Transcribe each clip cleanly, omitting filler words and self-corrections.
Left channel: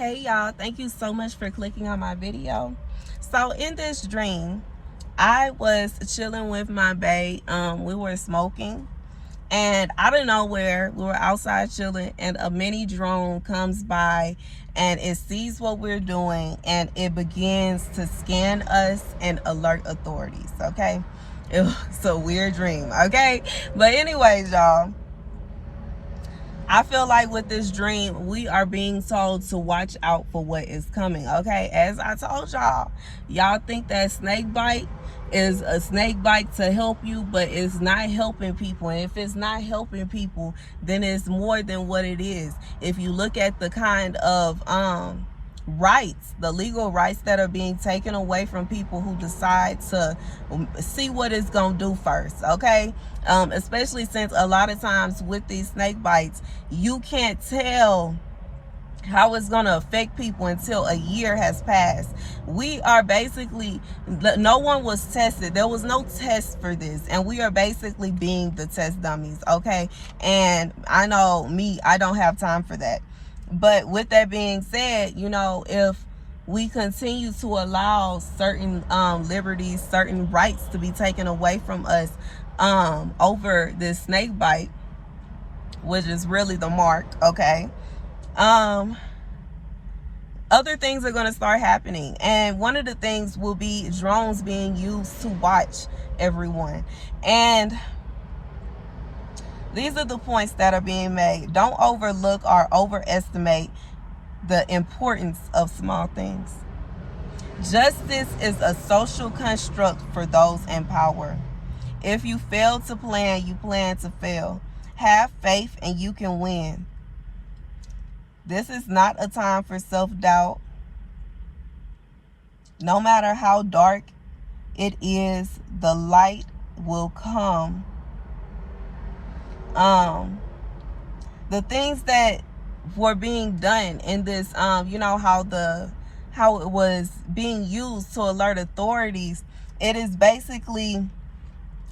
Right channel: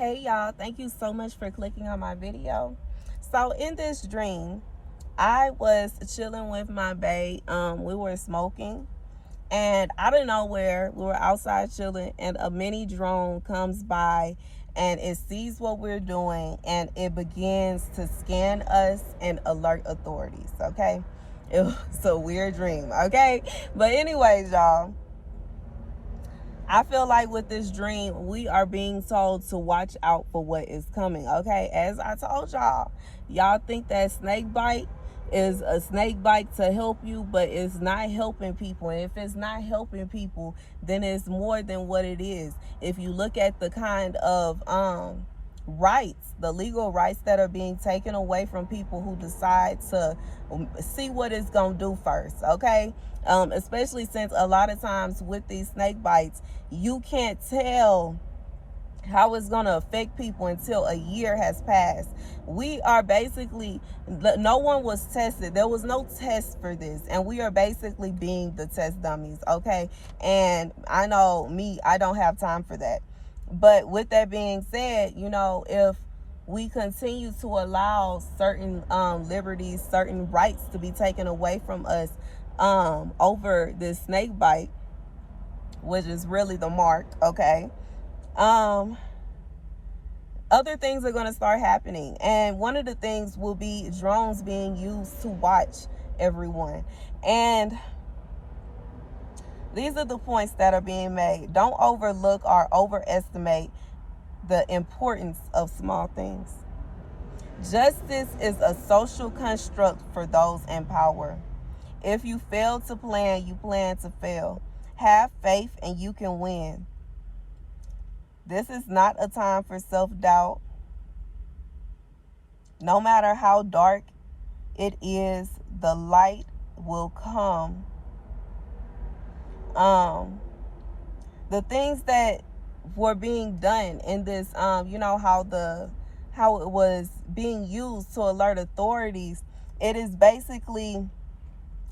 Hey y'all, thank you so much for clicking on my video. So in this dream, I was chilling with my bae. We were smoking, and out of nowhere, we were outside chilling, and a mini drone comes by and it sees what we're doing and it begins to scan us and alert authorities. Okay, it was a weird dream. Okay, but anyways, y'all, I feel like with this dream, we are being told to watch out for what is coming, okay? As I told y'all, y'all think that snake bite is a snake bite to help you, but it's not helping people. And if it's not helping people, then it's more than what it is. If you look at the kind of rights, the legal rights that are being taken away from people who decide to see what it's gonna do first, okay? Especially since a lot of times with these snake bites, you can't tell how it's going to affect people until a year has passed. We are basically, no one was tested. There was no test for this, and we are basically being the test dummies, okay? And I know me, I don't have time for that. But with that being said, you know, if we continue to allow certain liberties, certain rights to be taken away from us over this snake bite, which is really the mark, okay? Other things are going to start happening, and one of the things will be drones being used to watch everyone. And these are the points that are being made. Don't overlook or overestimate the importance of small things. Justice is a social construct for those in power. If you fail to plan, you plan to fail. Have faith and you can win. This is not a time for self-doubt. No matter how dark it is, the light will come. The things that were being done in this, you know, how it was being used to alert authorities, it is basically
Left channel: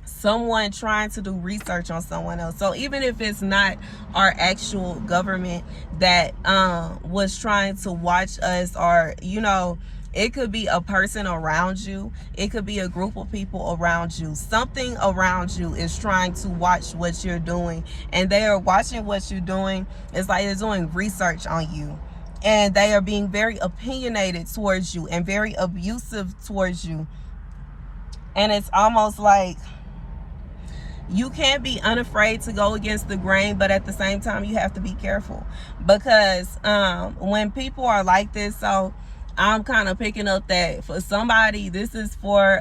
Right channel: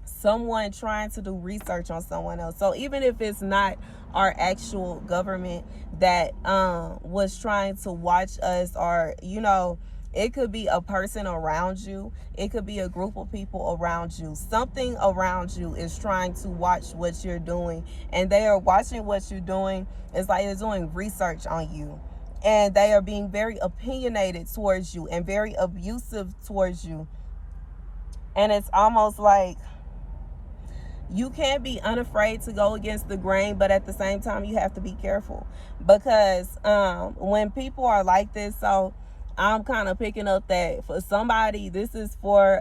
someone trying to do research on someone else. So even if it's not our actual government that was trying to watch us, or, you know, it could be a person around you, it could be a group of people around you. Something around you is trying to watch what you're doing, and they are watching what you're doing. It's like they're doing research on you, and they are being very opinionated towards you and very abusive towards you. And it's almost like you can't be unafraid to go against the grain, but at the same time, you have to be careful, because when people are like this, so I'm kind of picking up that for somebody, this is for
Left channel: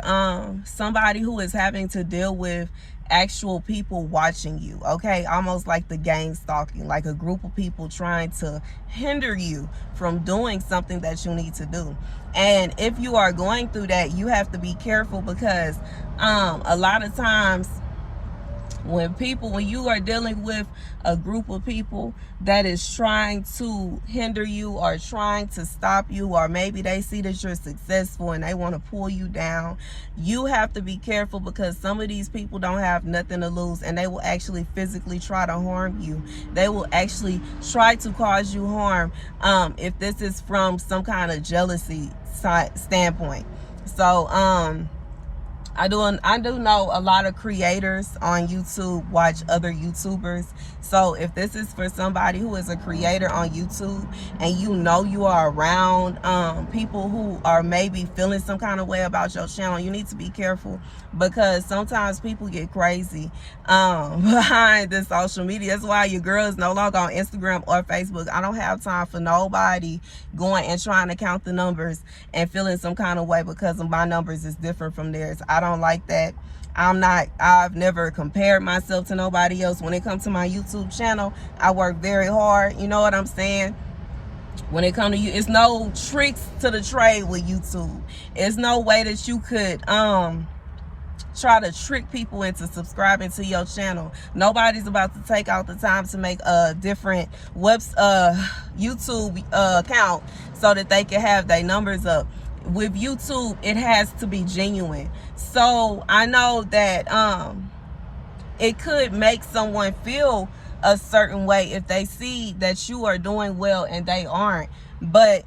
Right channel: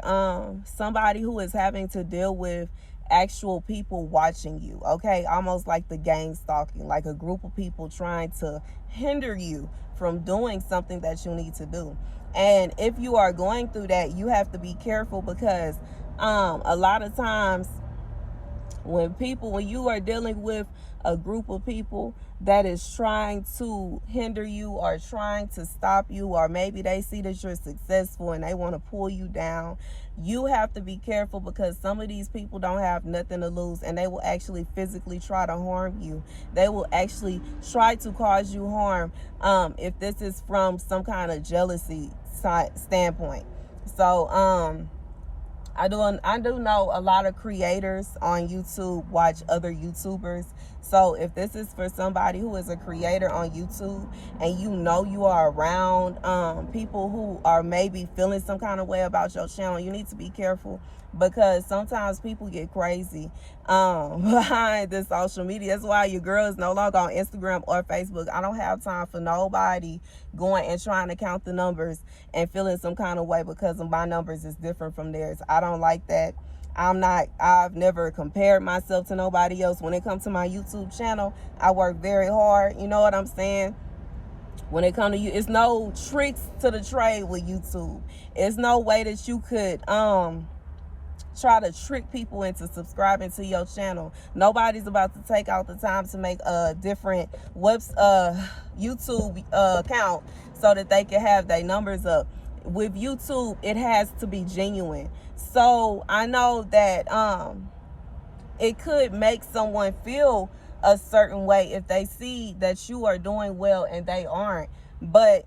somebody who is having to deal with actual people watching you, okay? Almost like the gang stalking, like a group of people trying to hinder you from doing something that you need to do. And if you are going through that, you have to be careful, because a lot of times when you are dealing with a group of people that is trying to hinder you or trying to stop you, or maybe they see that you're successful and they want to pull you down, you have to be careful, because some of these people don't have nothing to lose, and they will actually physically try to harm you. They will actually try to cause you harm if this is from some kind of jealousy standpoint. So I do know a lot of creators on YouTube watch other YouTubers. So if this is for somebody who is a creator on YouTube, and you know you are around people who are maybe feeling some kind of way about your channel, you need to be careful, because sometimes people get crazy behind the social media. That's why your girl is no longer on Instagram or Facebook. I don't have time for nobody going and trying to count the numbers and feeling some kind of way because of my numbers is different from theirs. I don't like that. I've never compared myself to nobody else. When it comes to my YouTube channel, I work very hard. You know what I'm saying? When it comes to you, it's no tricks to the trade with YouTube. It's no way that you could try to trick people into subscribing to your channel. Nobody's about to take out the time to make a different YouTube account so that they can have their numbers up. With YouTube, it has to be genuine. So I know that it could make someone feel a certain way if they see that you are doing well and they aren't. But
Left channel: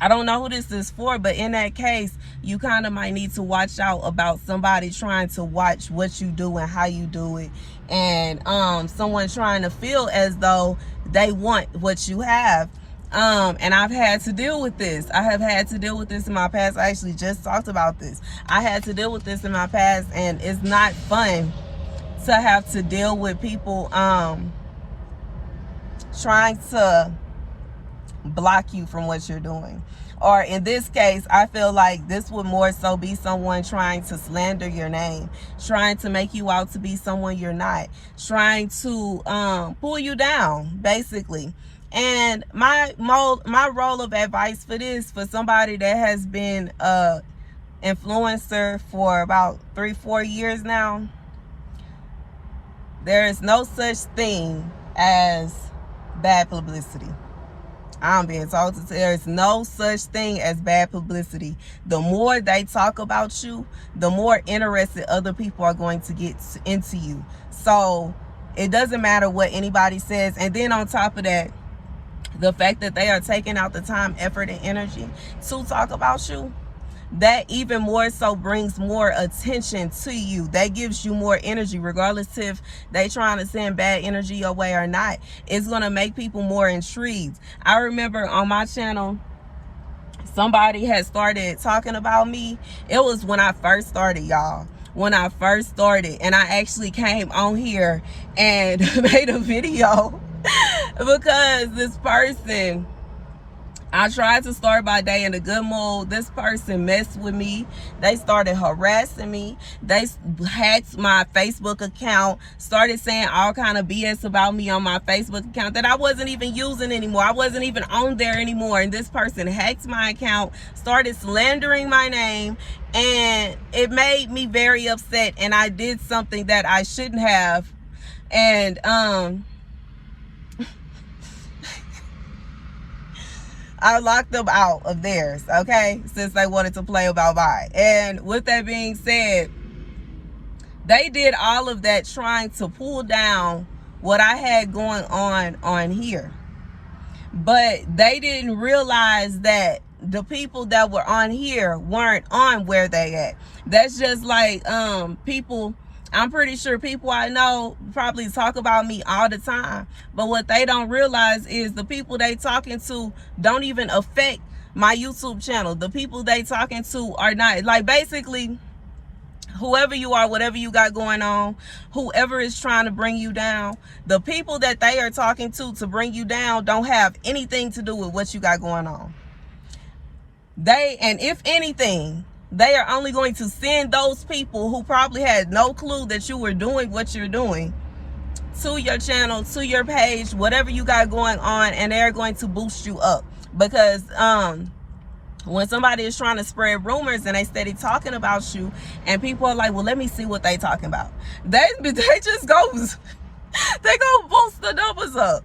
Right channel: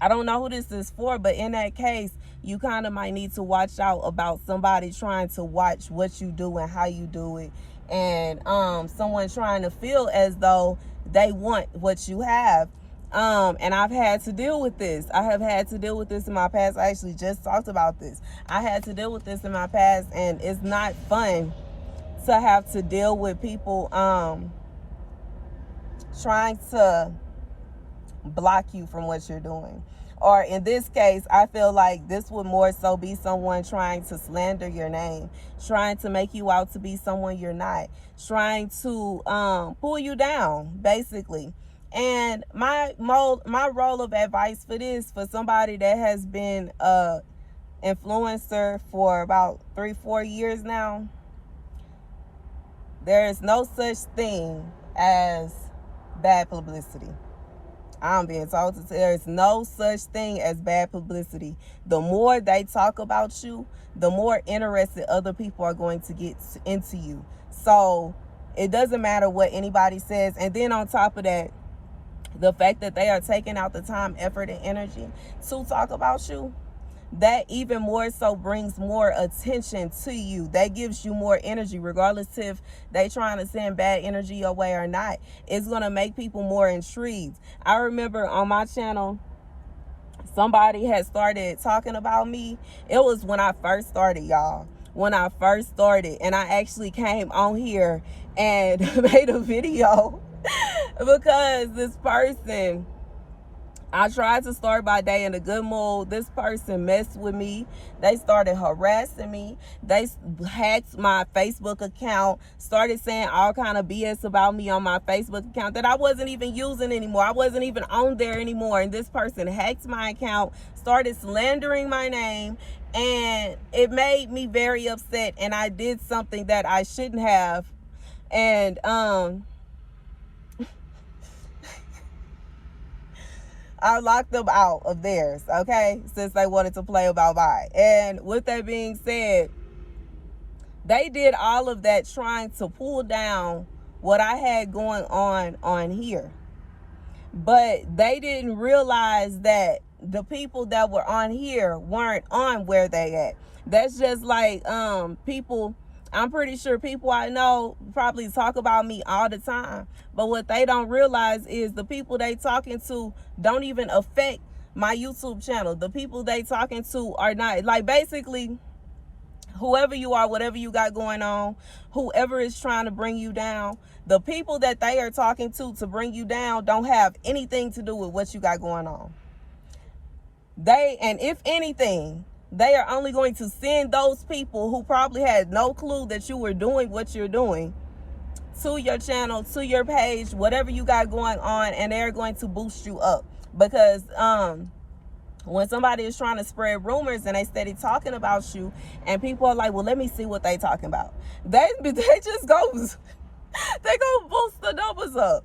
I don't know who this is for, but in that case, you kind of might need to watch out about somebody trying to watch what you do and how you do it, and someone trying to feel as though they want what you have. And I've had to deal with this. I have had to deal with this in my past. I actually just talked about this. I had to deal with this in my past, and it's not fun to have to deal with people trying to block you from what you're doing. Or in this case, I feel like this would more so be someone trying to slander your name, trying to make you out to be someone you're not, trying to pull you down, basically. And my role of advice for this, for somebody that has been a influencer for about 3-4 years now, there is no such thing as bad publicity. I'm being told that there is no such thing as bad publicity. The more they talk about you, the more interested other people are going to get into you. So it doesn't matter what anybody says. And then on top of that, the fact that they are taking out the time, effort, and energy to talk about you, that even more so brings more attention to you. That gives you more energy, regardless if they trying to send bad energy your way or not. It's going to make people more intrigued. I remember on my channel, somebody had started talking about me. It was when I first started, y'all. When I first started, and I actually came on here and made a video because this person, I tried to start my day in a good mood. This person messed with me. They started harassing me. They hacked my Facebook account, started saying all kind of BS about me on my Facebook account that I wasn't even using anymore. I wasn't even on there anymore. And this person hacked my account, started slandering my name, and it made me very upset. And I did something that I shouldn't have. And I locked them out of theirs, okay, since they wanted to play about mine. And with that being said, they did all of that trying to pull down what I had going on here. But they didn't realize that the people that were on here weren't on where they at. That's just like people, I'm pretty sure people I know probably talk about me all the time. But what they don't realize is the people they talking to don't even affect my YouTube channel. The people they talking to are not, like, basically, whoever you are, whatever you got going on, whoever is trying to bring you down, the people that they are talking to bring you down don't have anything to do with what you got going on. And if anything, they are only going to send those people who probably had no clue that you were doing what you're doing to your channel, to your page, whatever you got going on, and they're going to boost you up. Because when somebody is trying to spread rumors and they steady talking about you, and people are like, well, let me see what they talking about, they just go they go boost the numbers up.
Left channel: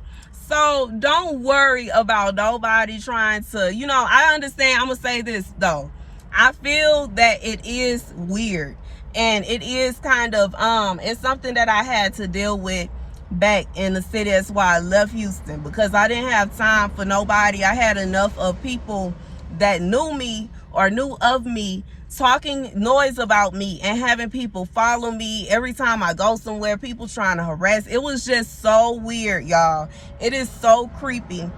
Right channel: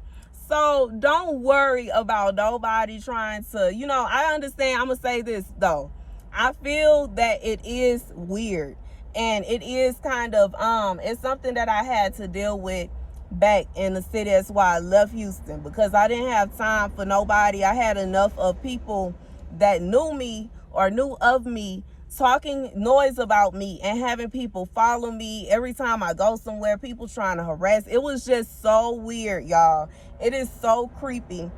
So don't worry about nobody trying to, I understand. I'm gonna say this though, I feel that it is weird, and it is kind of it's something that I had to deal with back in the city. That's why I left Houston, because I didn't have time for nobody. I had enough of people that knew me or knew of me talking noise about me and having people follow me every time I go somewhere, people trying to harass. It was just so weird, y'all. It is so creepy.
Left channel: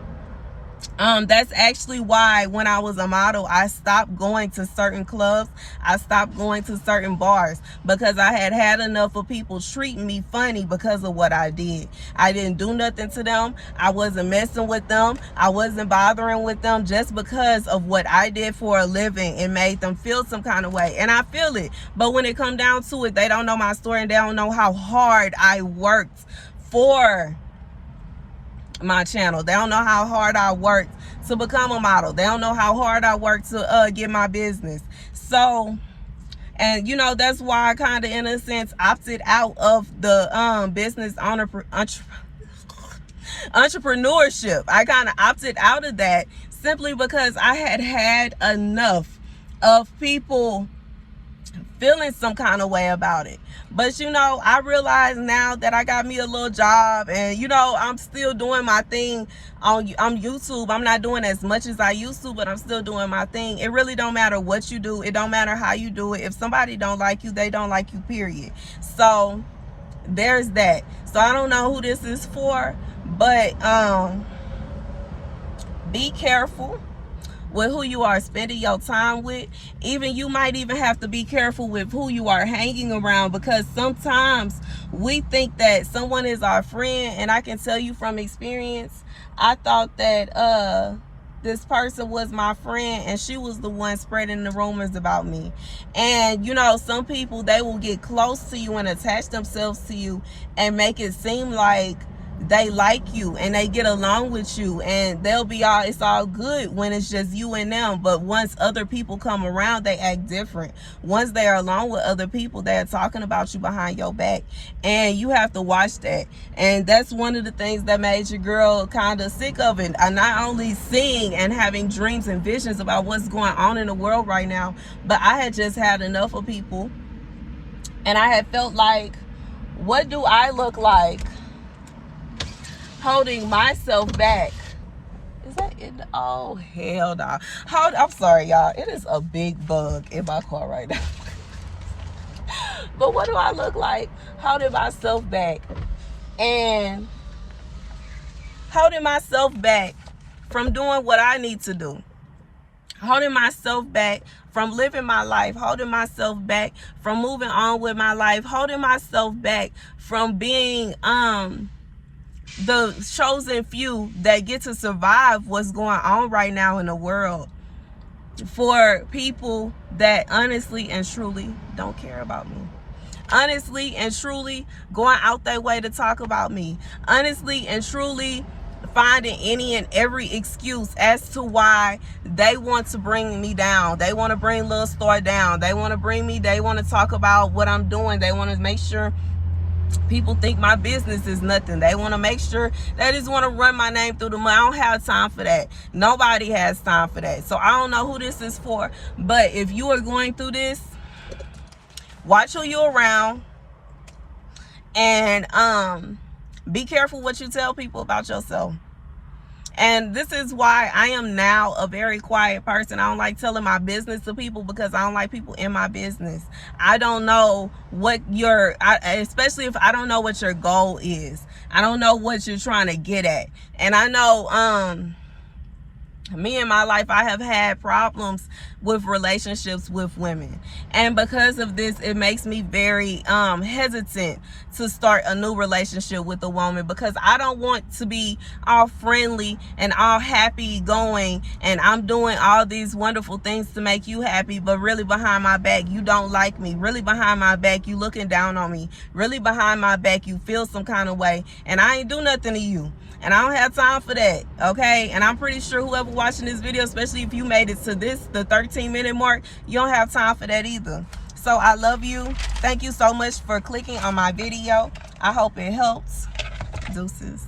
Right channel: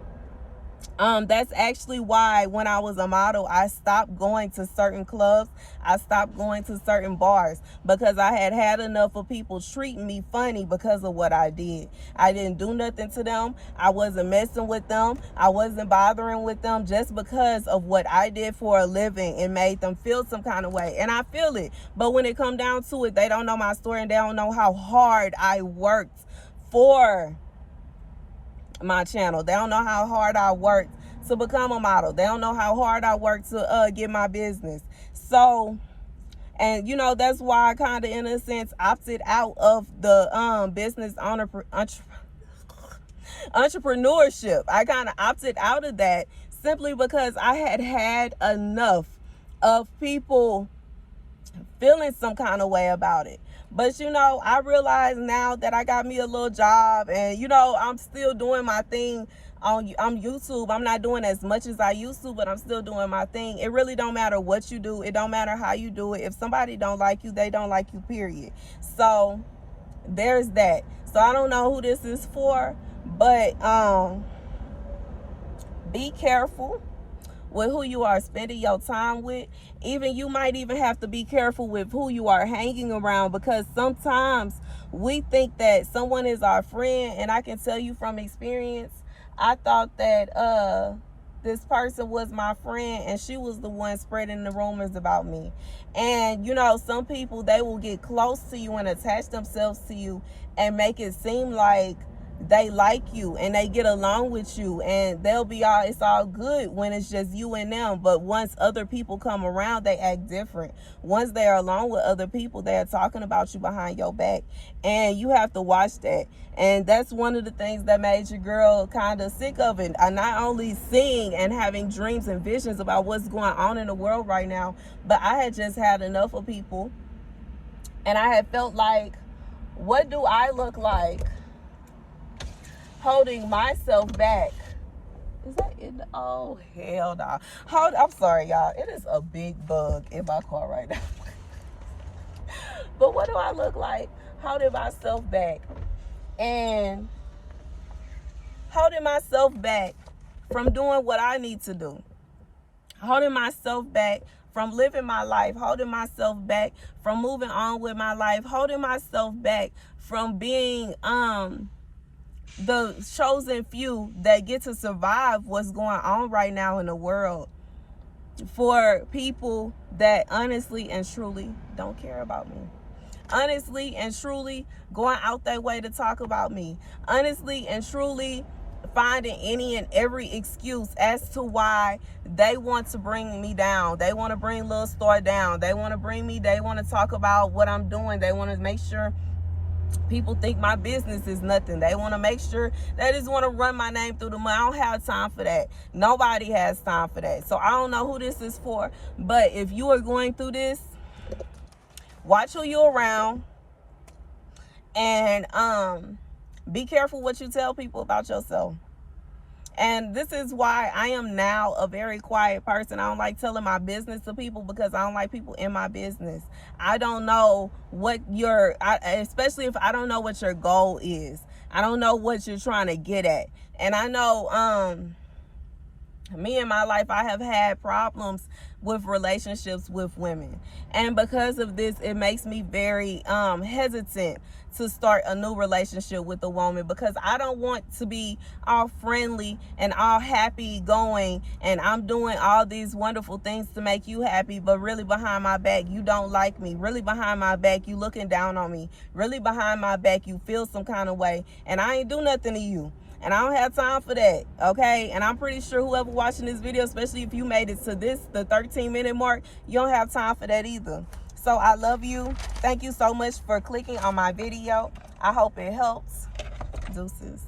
That's actually why when I was a model, I stopped going to certain clubs. I stopped going to certain bars, because I had had enough of people treating me funny because of what I did. I didn't do nothing to them. I wasn't messing with them. I wasn't bothering with them. Just because of what I did for a living, it made them feel some kind of way. And I feel it. But when it come down to it, they don't know my story, and they don't know how hard I worked for my channel. They don't know how hard I worked to become a model. They don't know how hard I worked to get my business. So, and that's why I kind of, in a sense, opted out of the business entrepreneurship. I kind of opted out of that simply because I had had enough of people feeling some kind of way about it. But you know, I realize now that I got me a little job, and you know, I'm still doing my thing on YouTube. I'm not doing as much as I used to, but I'm still doing my thing. It really don't matter what you do. It don't matter how you do it. If somebody don't like you, they don't like you, period. So there's that. So I don't know who this is for, but be careful with who you are spending your time with. Even you might even have to be careful with who you are hanging around, because sometimes we think that someone is our friend, and I can tell you from experience, I thought that this person was my friend, and she was the one spreading the rumors about me. And you know, some people, they will get close to you and attach themselves to you and make it seem like they like you and they get along with you, and they'll be all, it's all good when it's just you and them. But once other people come around, they act different. Once they are along with other people, they are talking about you behind your back, and you have to watch that. And that's one of the things that made your girl kind of sick of it. Not only seeing and having dreams and visions about what's going on in the world right now, but I had just had enough of people, and I had felt like, what do I look like holding myself back? Is that it? Oh, hell no. I'm sorry, y'all. It is a big bug in my car right now. But what do I look like holding myself back? And holding myself back from doing what I need to do. Holding myself back from living my life. Holding myself back from moving on with my life. Holding myself back from being the chosen few that get to survive what's going on right now in the world, for people that honestly and truly don't care about me. Honestly and truly going out their way to talk about me. Honestly and truly finding any and every excuse as to why they want to bring me down. They want to bring Lil Star down. They want to bring me, they want to talk about what I'm doing. They want to make sure people think my business is nothing. They want to make sure, they just want to run my name through the mud. I don't have time for that. Nobody has time for that. So I don't know who this is for, but if you are going through this, watch who you're around, and be careful what you tell people about yourself. And this is why I am now a very quiet person. I don't like telling my business to people, because I don't like people in my business. I don't know what especially if I don't know what your goal is. I don't know what you're trying to get at. And I know me in my life, I have had problems with relationships with women, and because of this, it makes me very hesitant to start a new relationship with a woman, because I don't want to be all friendly and all happy going, and I'm doing all these wonderful things to make you happy, but really behind my back you don't like me. Really behind my back you looking down on me. Really behind my back you feel some kind of way, and I ain't do nothing to you. And I don't have time for that, okay? And I'm pretty sure whoever watching this video, especially if you made it to the 13-minute mark, you don't have time for that either. So I love you. Thank you so much for clicking on my video. I hope it helps. Deuces.